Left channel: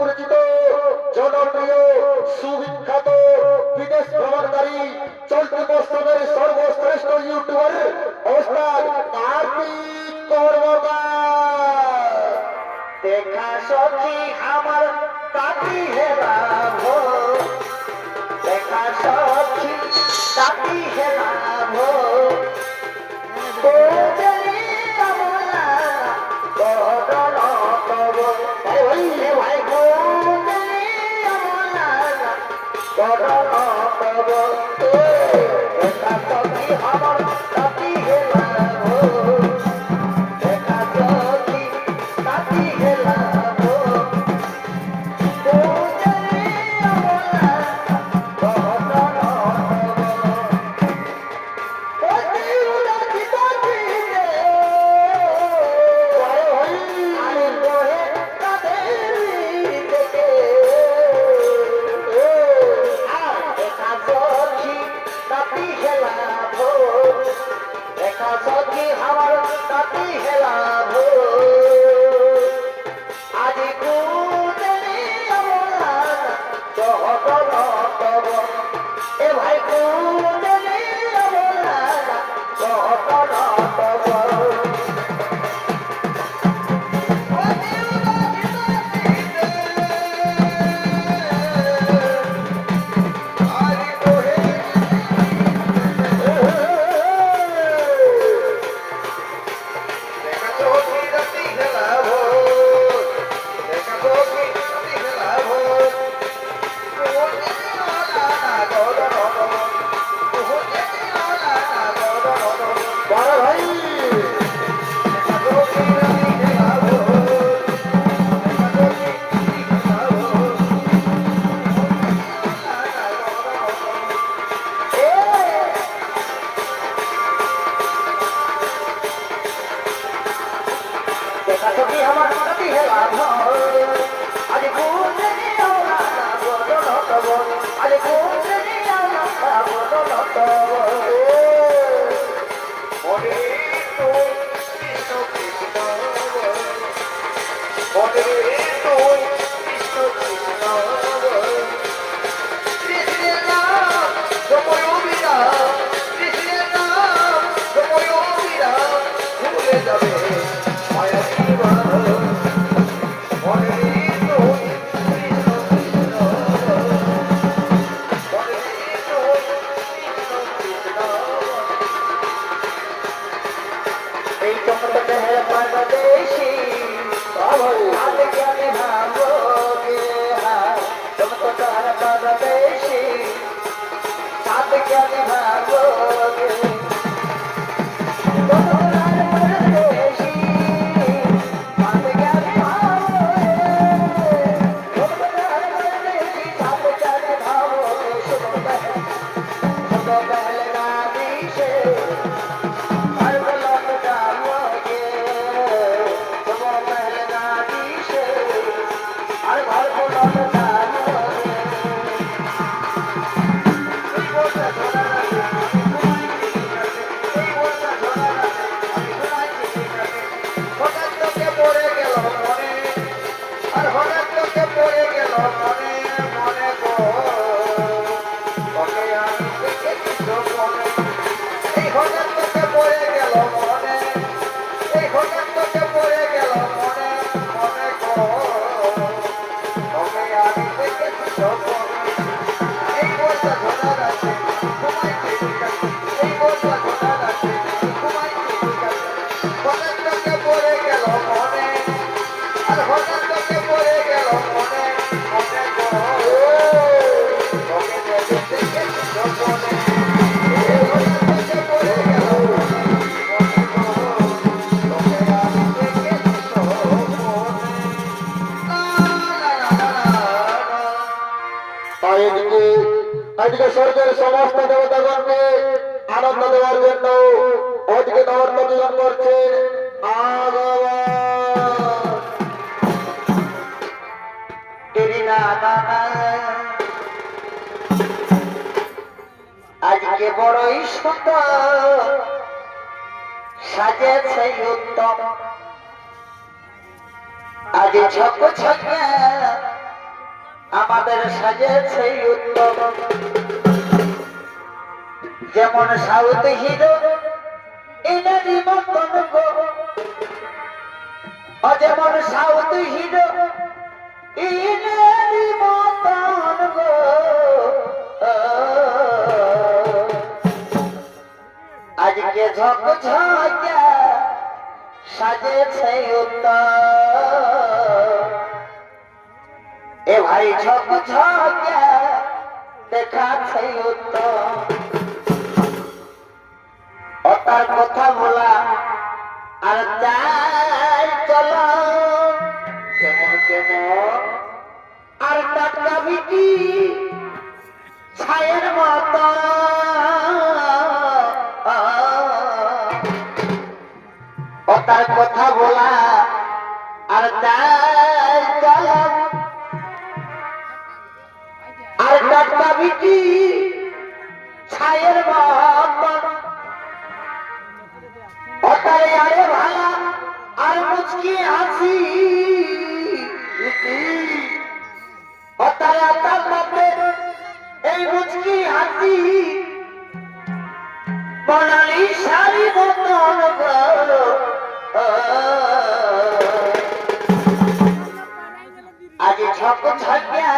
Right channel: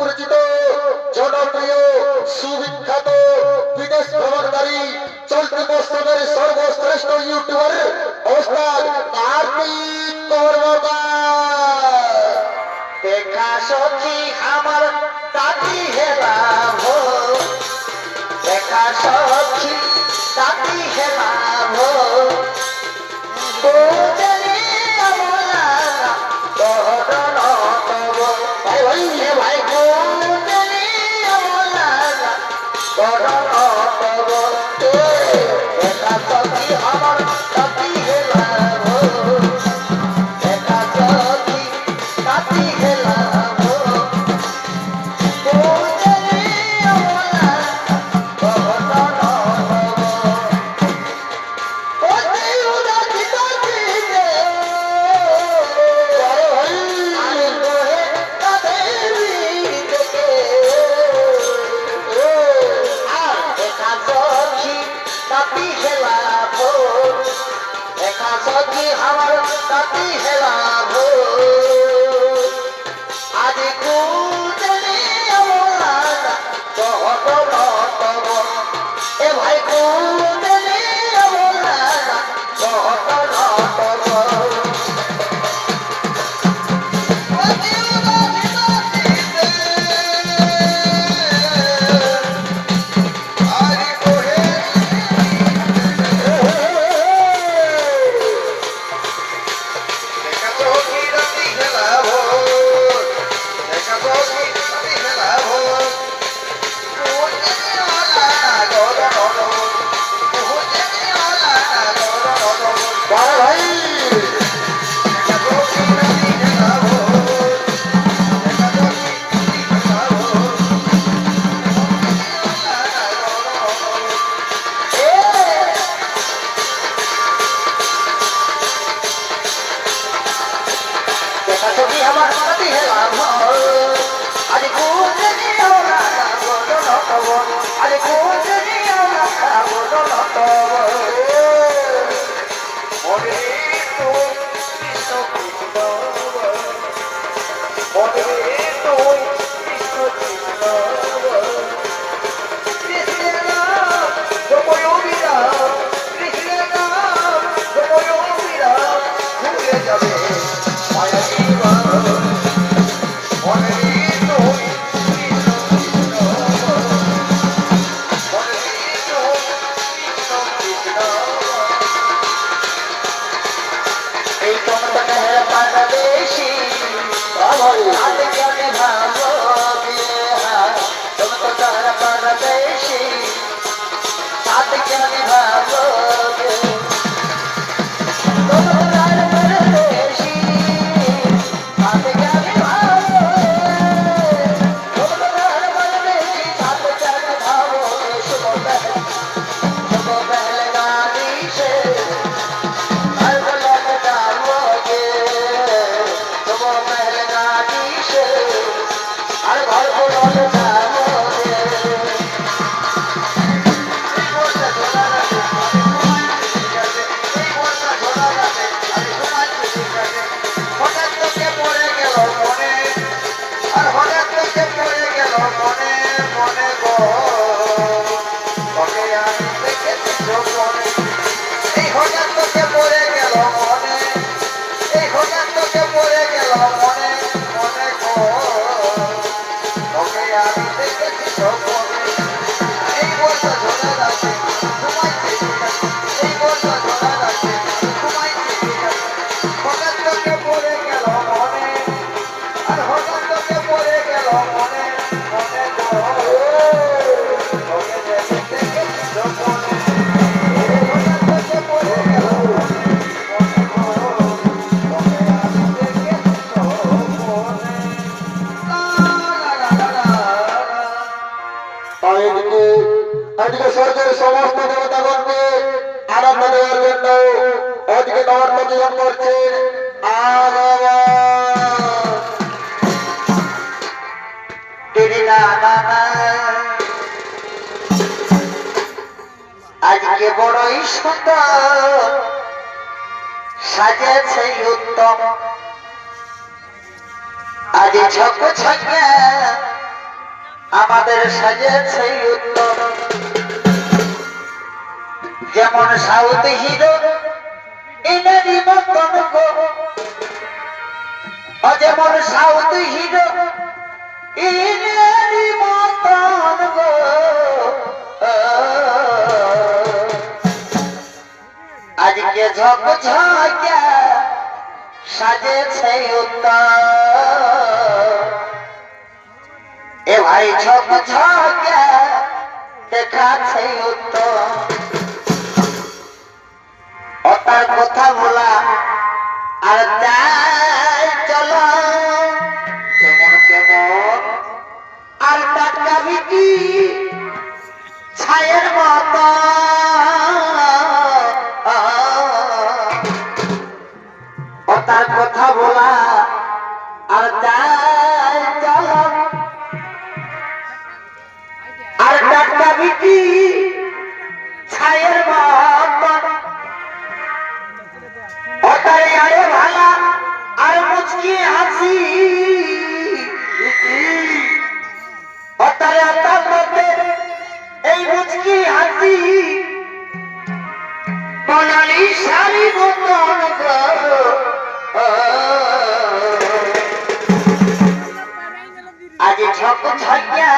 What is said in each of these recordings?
পরিচিত জনপ্রিয় সুবিখ্যাত বিদেশ ভ্রমণকারী চলতি বছরের সর্বশ্রেষ্ঠ ইউটিউবার ওস্তাদ কার্তিক কর্মকার। দেখা সখী আমার তাকি হেলাম, দেখা সখী তাকি হেলাম, আজকে স্বর্গের সমস্ত দেবতাগণকে আনন্দ দেওয়ার জন্য আজকে নবর্তন করছে আগমন। আজকে বড়ই সুন্দর সাজেছে উত্তম আজ ছক ছকে আমাদের সাজেছে উত্তম যেমন সাউথ হিরো ইনারি মতন গো যেমন সাউথ হিরো ইনারি মতন গো আজকে ঝক ঝকা সাজেছে উত্তম এ ভাই ঝক ঝকা দেখাচ্ছে উত্তম ও তার কথা বলা আর তাই চলো কেমন কেমন আর টাকা বিকি ছায়ের মতো ও তার কথা বলা আর তাই চলো আর টাকা বিকি ছায়ের মতো ওটারে আরে ভালা আর মুচকি হাসি ওটারে আতার মধ্যে এই মুচকি হাসি বনালি শাড়ি মতন আজ ঝক ঝকিয়া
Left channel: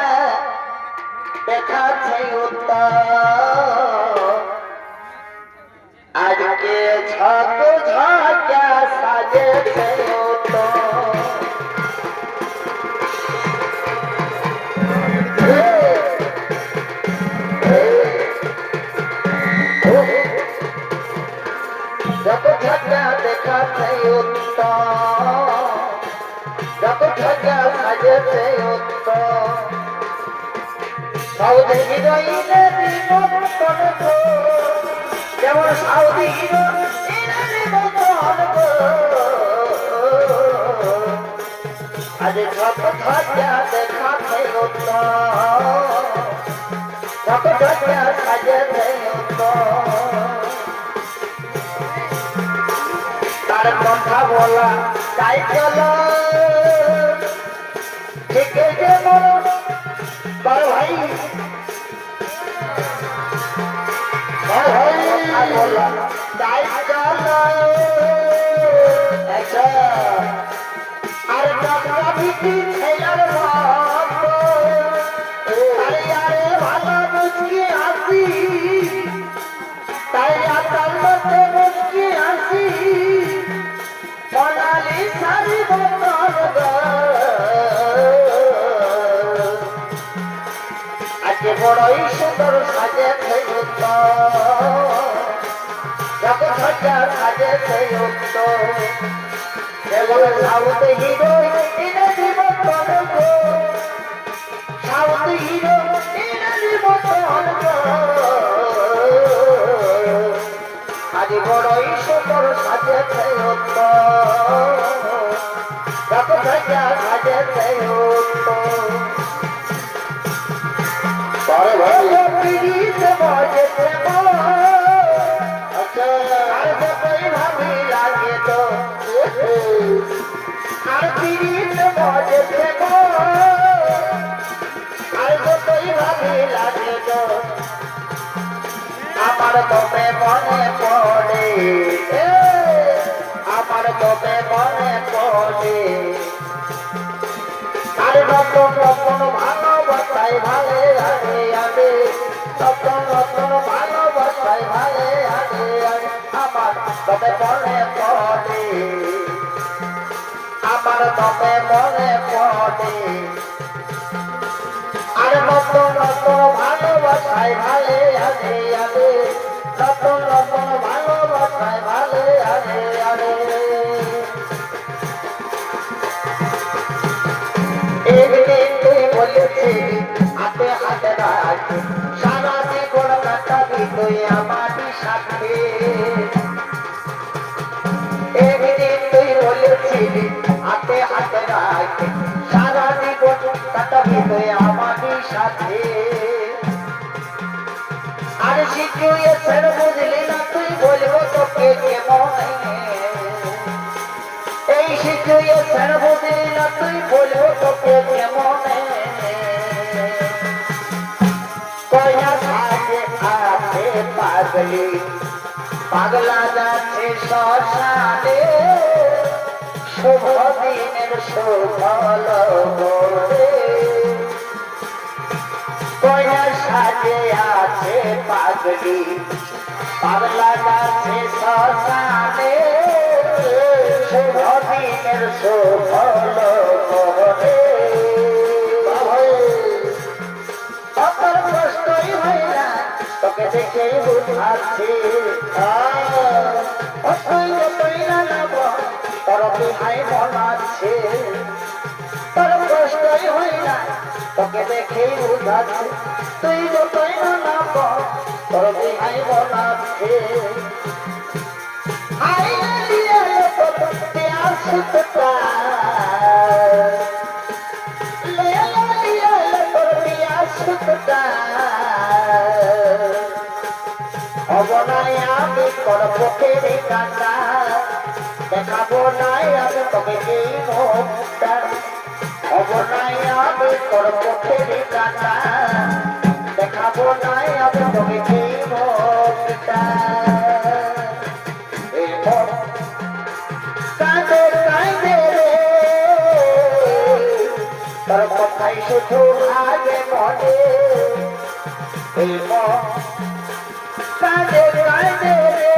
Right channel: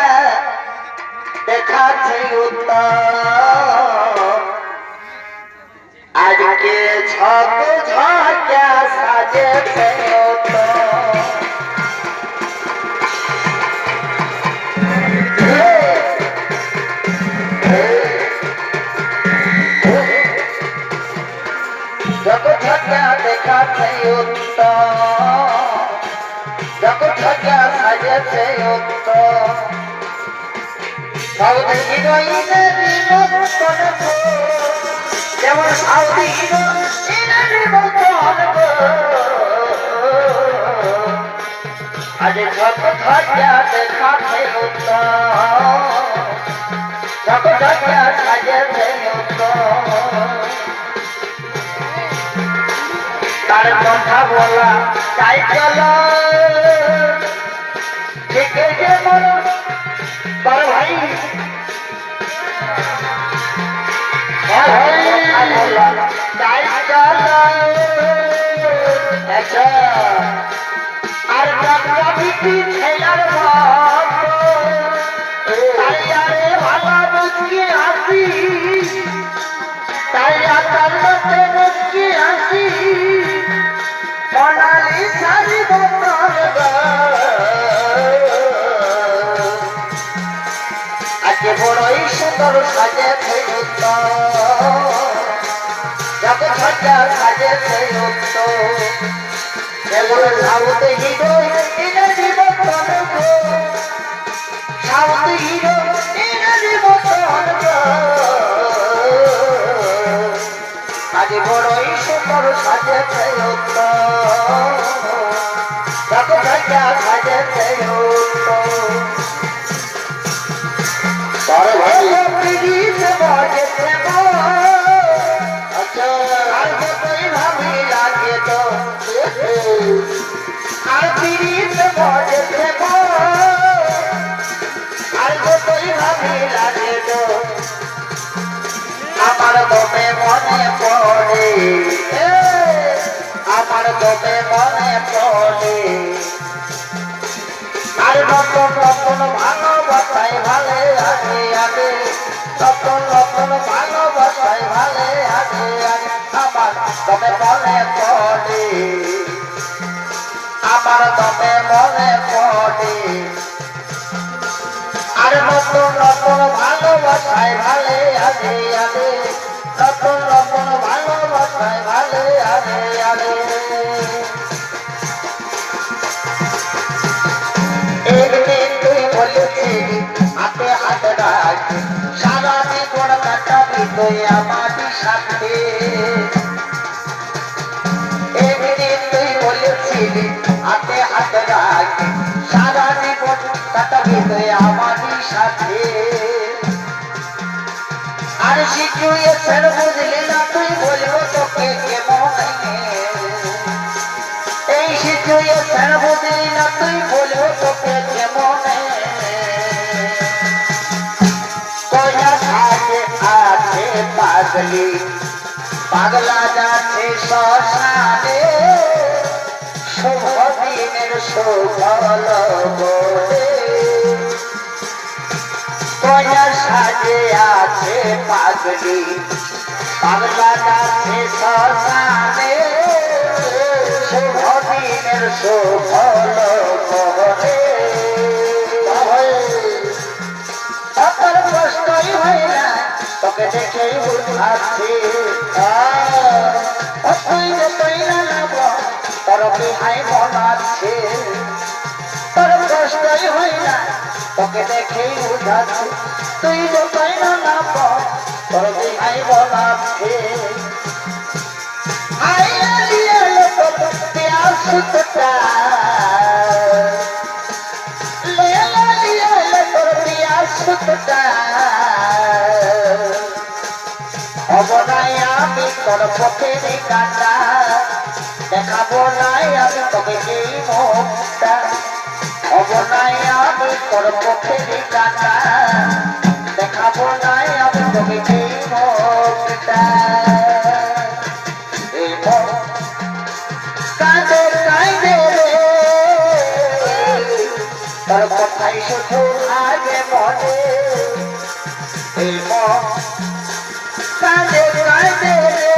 দেখাচ্ছে উত্তম আজকে ঝক ঝকা সাজেছে ঝক ঝকা দেখাচ্ছে উত্তম ঝক ঝকা সাজেছে উত্তম সাউথ হিরোইনের মতন গো যেমন সাউথ হিরোইনের মতন গো আজ ঝক ঝকা দেখাচ্ছে উত্তম ঝক ঝকা সাজেছে উত্তম তার কথা বলা তাই চলো ঠিক যেমন তার ভাই তাই চলো আচ্ছা আর টাকা বিক্রি ছেলার তাই আরে ভালো মুচকি হাসি তাই আতার মধ্যে মুচকি হাসি বনালি শাড়ি বদল আজকে বড়ই সুন্দর সাজেছে ঝক ঝকা সাজেছে যেগুলো সাউথ হিরো ইনারি মতন গো সাউথ হিরো ইনারি মতন গো আজ বড়ই সুন্দর সাজেছে ঝক ঝকা সাজেছে তার ভাই পিড়িতে বাজেছে আচ্ছা আর কতই ভাবি লাগে তো আর পিড়িতে বাজেছে আর কতই ভাবি লাগে তো আমার তোকে মনে পড়ে আমার তোকে মনে পড়ে আর নতুন নতুন ভালোবাসায় ভালে আগে আগে নতুন নতুন ভালোবাসায় ভালে আগে আগে আমার তোকে মনে পড়ে আমার তোকে মনে পড়ে আর নতুন নতুন ভালোবাসায় ভালে আগে আগে নতুন নতুন ভালোবাসায় ভালে আগে আগে একদিন তুই বলেছিলি হাতে হাতে রাখ সারা জীবন কাটাবি তুই আমার সাথে একদিন তুই বলেছিলি হাতে হাতে রাখ সারা জীবন কাটাবি তুই আমার সাথে আর সিচুয়েশন বলবো তোকে কেমন এই সিচুয়েশন বুঝলি না তুই বলবো তোকে কেমন কয়া সাথে আছে পাগলি পাগলা যাচ্ছে শ্মশানে শুভ দিনের সুফল বলে কয়া সাজে আছে পাগলি পাগলা যাচ্ছে শ্মশানে শুভ দিনের সুফল বলে তোর কষ্টই হয় না তোকে দেখে বুঝাচ্ছি তুই যতই না নাম তোর বিহাই বলাচ্ছে তোর কষ্টই হয় না তোকে দেখেই বুঝাচ্ছি তুই যতই না নাম তোর বিহাই বলাচ্ছে অবনায় আমি তোর পথের কাটা দেখাবো নাই আমি তোকে এই মুখটা অবনায় আমি তোর পথের কাটা দেখাবো নাই আমি তোকে এই মুখটা এই মুখ কাঁদে কাঁদে রে তোর কথাই শুধু আগে মনে এই মুখ কাঁদে কাঁদে রে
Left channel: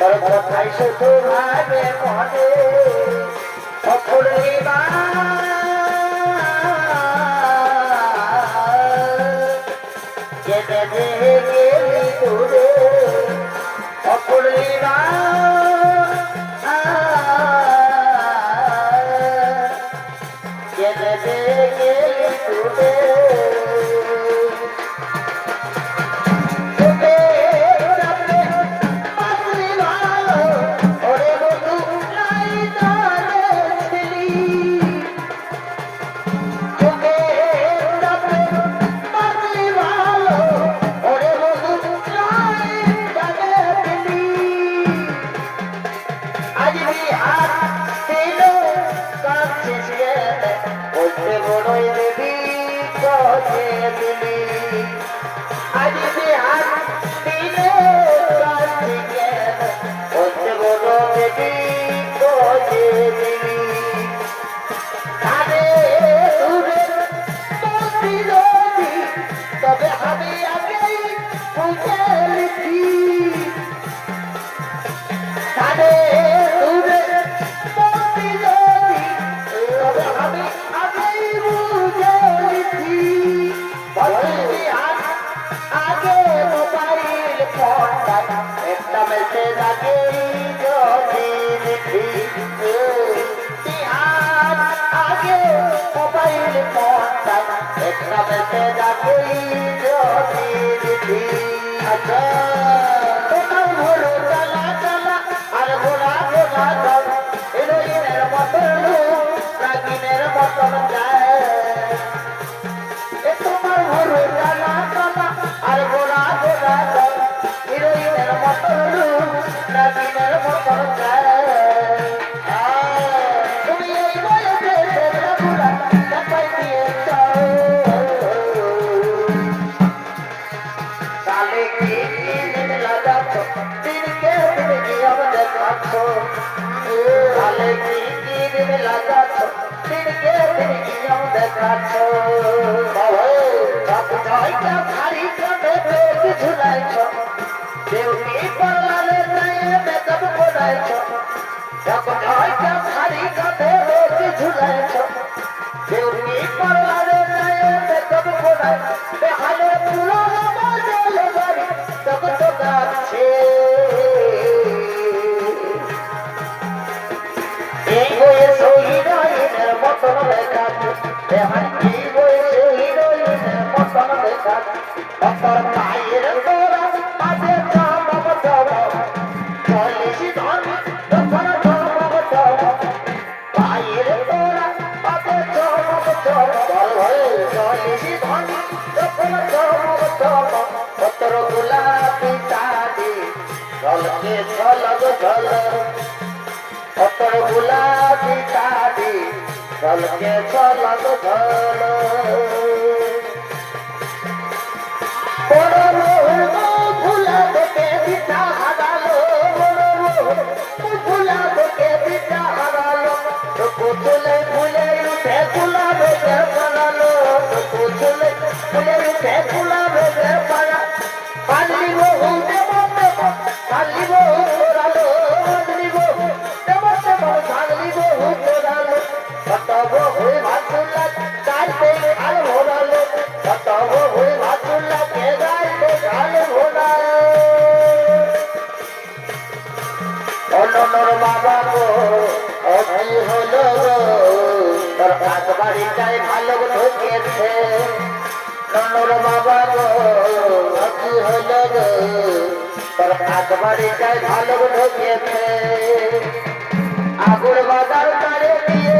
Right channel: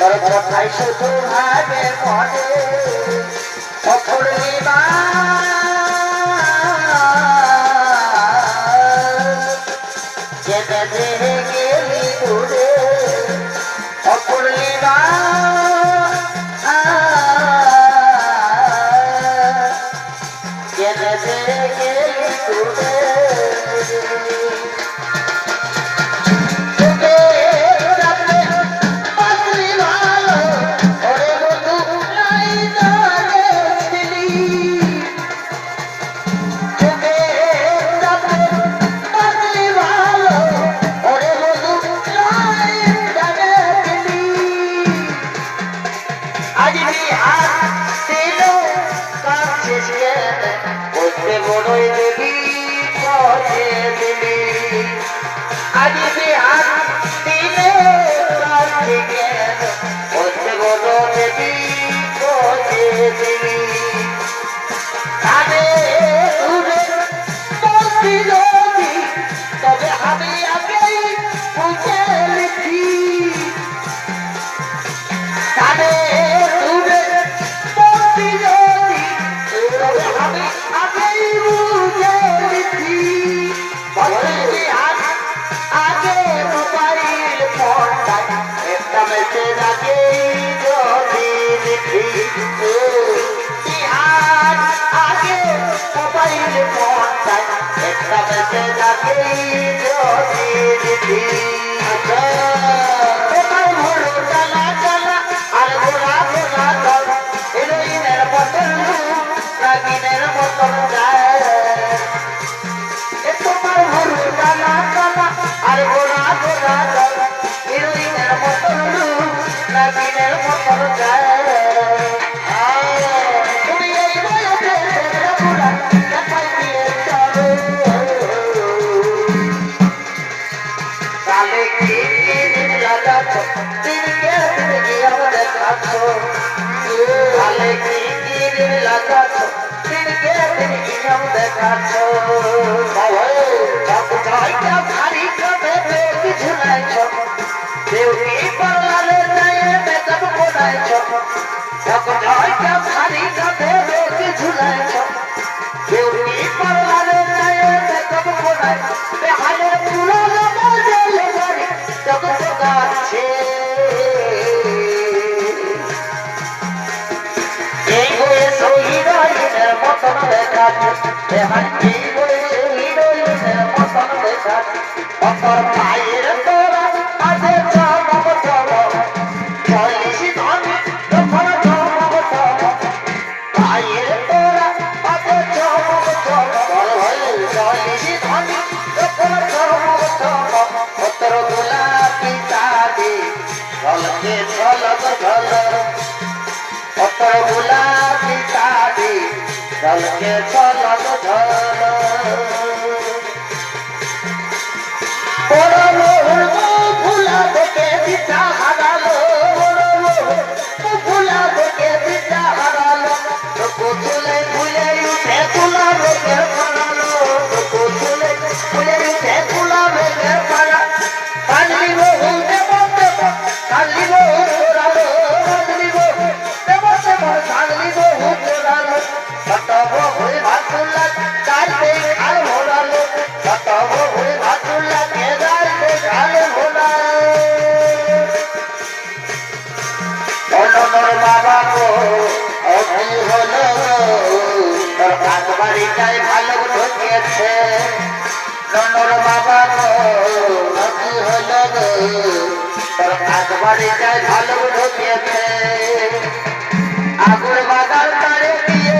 তোর কথাই শুধু আগে মনে অপূর্ণিমা কেঁদে দিয়ে গেলি দূরে অপূর্ণিমা কেঁদে দিয়ে গেলি দূরে Pita ঝলকে ঝলক ঝলক কত গোলাপি শাড়ি ঝলকে ঝলক ঝলক ফুলা থেকে দিশা হারালো ফুলা থেকে দিশা হারালো ফুলে ফুলে উঠে ফুলা বেগে পড়ালো ফুলে ফুলে উঠে ফুলা বেগে পড়া কালি বহু দেব কালি বহু তোরালো কালি বহু দেব কালি বহু তোরালো কত বহু ভাতুলা কালতে কাল ভরালো কত বহু ভাতুলা কে গাইতে গাল ভরালো অননর বাবা গো অভি হলো তোর কাকবাড়িটাই ভালো ঢুকেছে ননর বাবা গো অভি হলো গো তোর কাকবাড়িটাই ভালো ঢুকেছে আগুর বাগাল তারে দিয়ে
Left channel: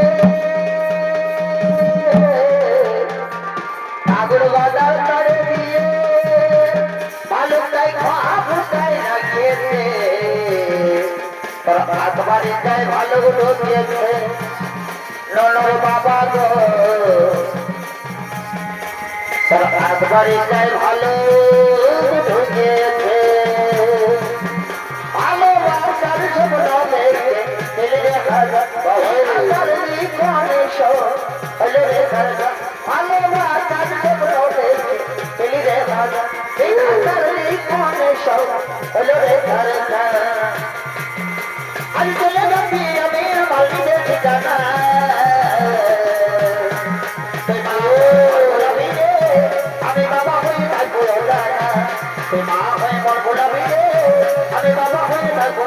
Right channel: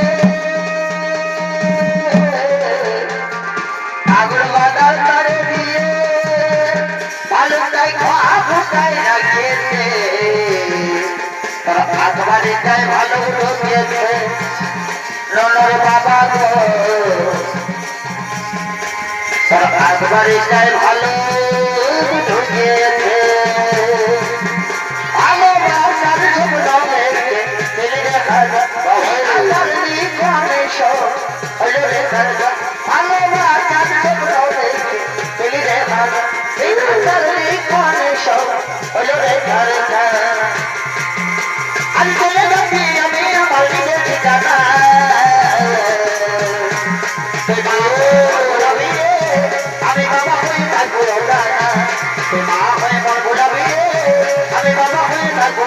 আগুর বাগাল তারে দিয়ে ভালোটাই খাওয়া ফুটাই রাখিয়েছে তোর কাকবাড়িটাই ভালো ঢুকেছে ননর বাবা গো তোর কাকবাড়িটাই ভালো ঢুকেছে ভালোবাসার স্বপ্ন দেখে ফেলে দেখা হলো রে ভালোবাসার স্বপ্ন দেখে ফেলে দেখা হলো রে আমি চলে যাচ্ছি আমি আমার নিজের ঠিকানা আমি বাবা হয়ে থাকবো মা হয়ে থাকবো আমি বাবা হয়ে থাকবো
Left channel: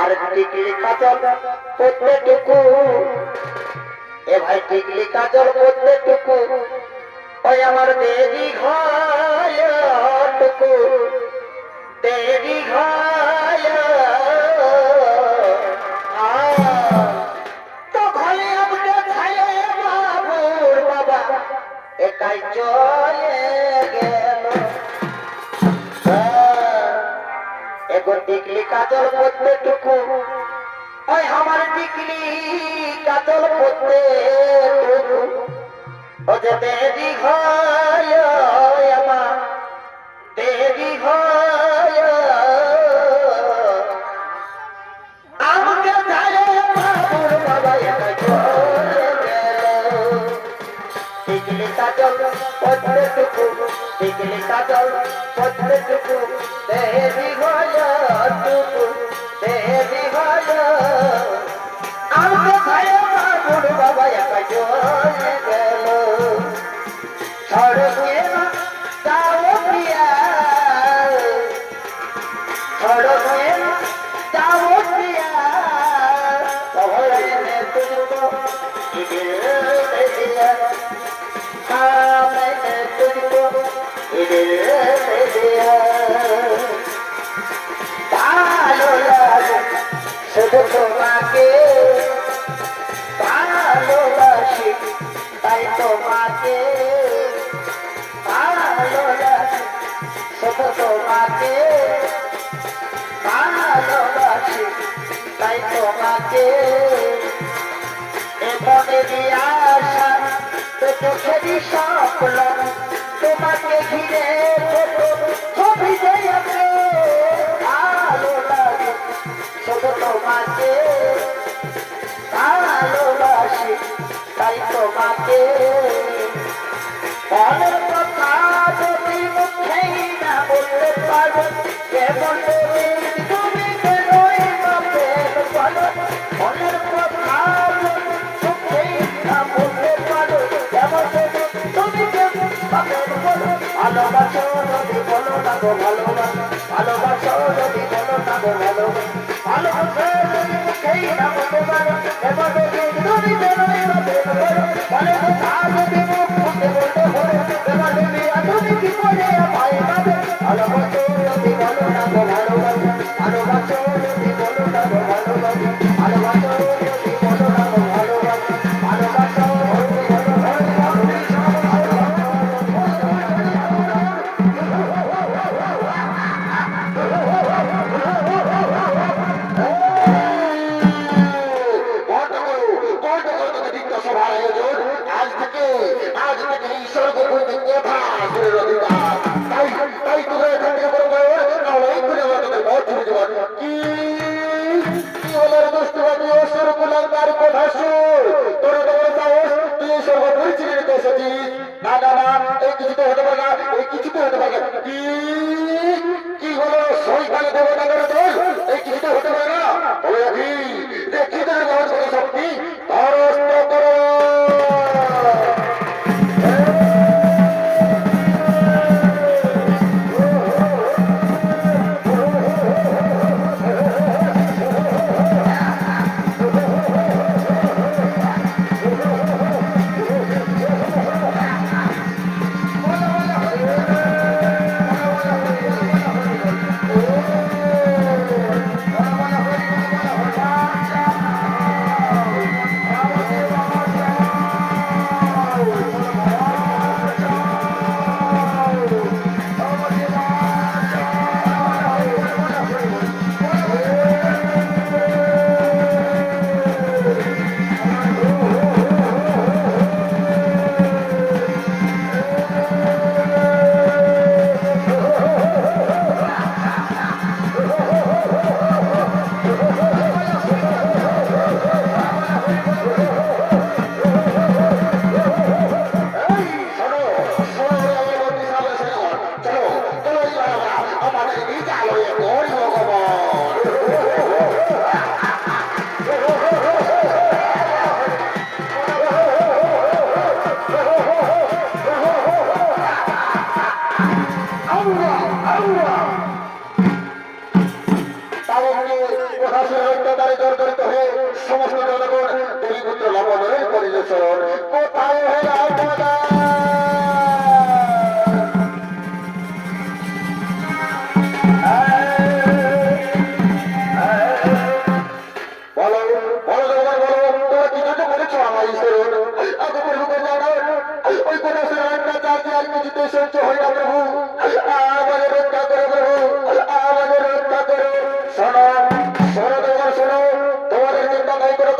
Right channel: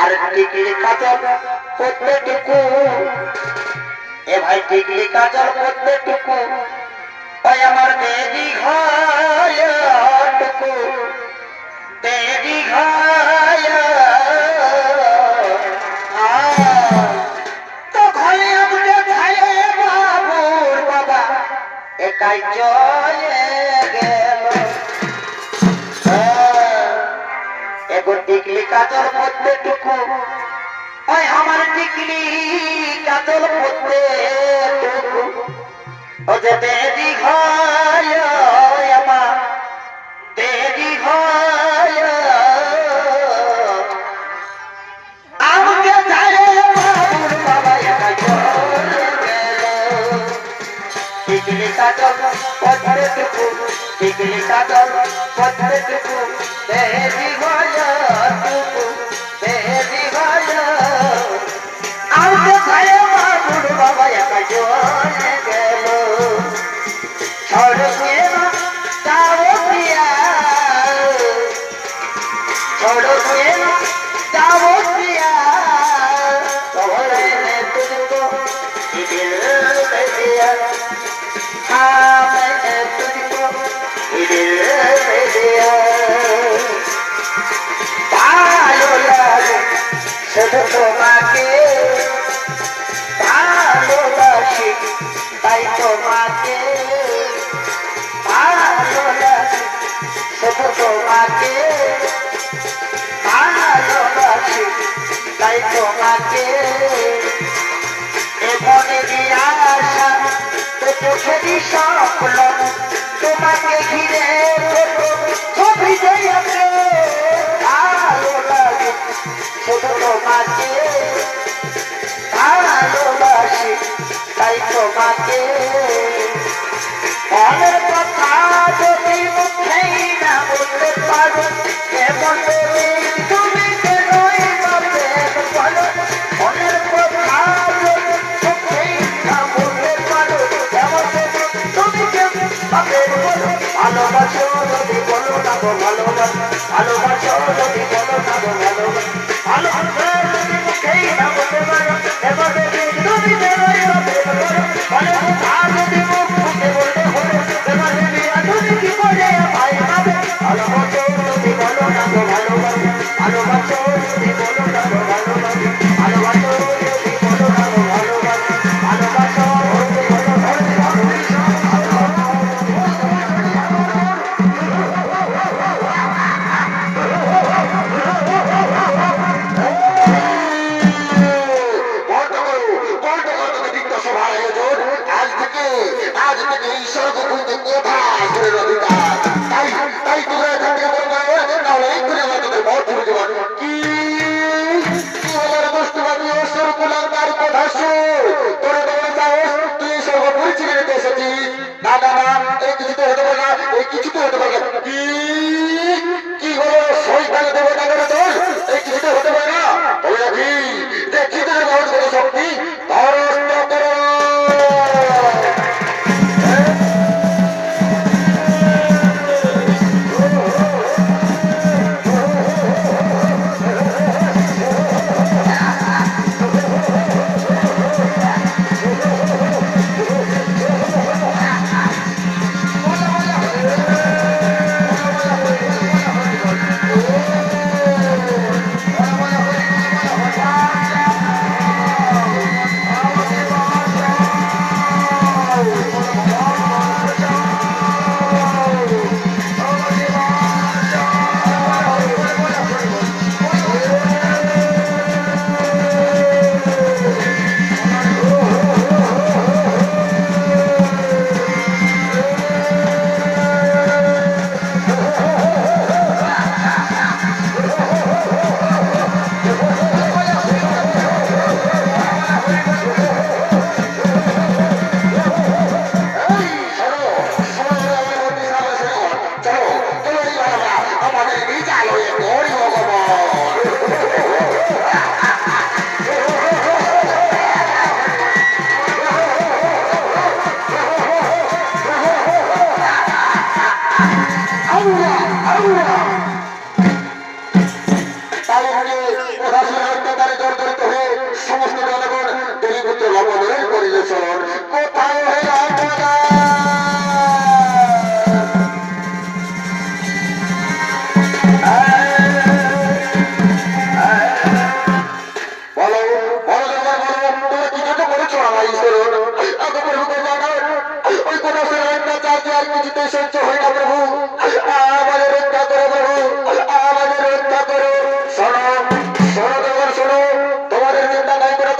আর টিকলি কাজল প্রত্যেকটুকু এ ভাই টিকলি কাজল প্রত্যেকটুকু ওই আমার দেরি ঘটুকু দেরি ঘয় তো ঘরে আমাকে ঘরে বাবুর বাবা একাই চলে গেল এগো টিকলি কাজল প্রত্যেকটুকু ওই আমার টিকলি কাজল প্রত্যেকটুকু ও যে দেরি ঘয় আমার দেরি ঘয় আমাকে ঘরে বাবুর বাবা একাই চলে গেল টিকলি কাজল প্রত্যেকটুকু টিকলি কাজল প্রত্যেকটুকু দেরি ঘয় দেরি ঘয় আমাকে ঘরে বাবুর বাবা একাই छोड़ के ना जाओ पिया छोड़ के ना जाओ पिया मैंने तुझको दिल में दिया हाँ मैंने तुझको दिल में दिया भालो लागे শুধু তোমাকে ভালোবাসি তাই তোমাকে ভালোবাসি শুধু তোমাকে ভালোবাসি তাই তোমাকে এমন আশা চোখেরই স্বপ্ন তোমাকে ঘিরে ছবি জয়াতে ভালো লাগে শুধু তোমাকে ভালোবাসি তাই তোমাকে মনের কথা যদি মুখেই না বলতে পারো কেবল তুমি কেনই বলতে পারো মনের কথা যদি মুখেই না বলতে পারো কেবল তুমি কেমন বলো ভালোবাসো যদি বলো না গো ভালোবাসো ভালোবাসো যদি বলো না গো ভালোবাসো ভালোবাসো যদি মুখেই না বলতে পারো এবার তুমি কেনই বলতে পারো ভালোবাসা যদি মুখ ফুটে বলতে পারো এবার তুমি কি করে পাই পাবে ভালোবাসো যদি বলো না গো ভালোবাসো ভালোবাসো যদি বলো না গো ভালোবাসো ভালোবাসো যদি বলো না গো ভালোবাসো ভালোবাসো যদি বলো না গো কি হলো শৈতানে দেবে না এই কিছু হতে পারে না দেখি তার বহুত শক্তি ধরস্ত করো সমস্ত জনগণ দেবীপুত্র লবণের পরিবেশন কোথায় ওই কথা সহ্য হয় না প্রভু আমাদের রক্ষা করে প্রভু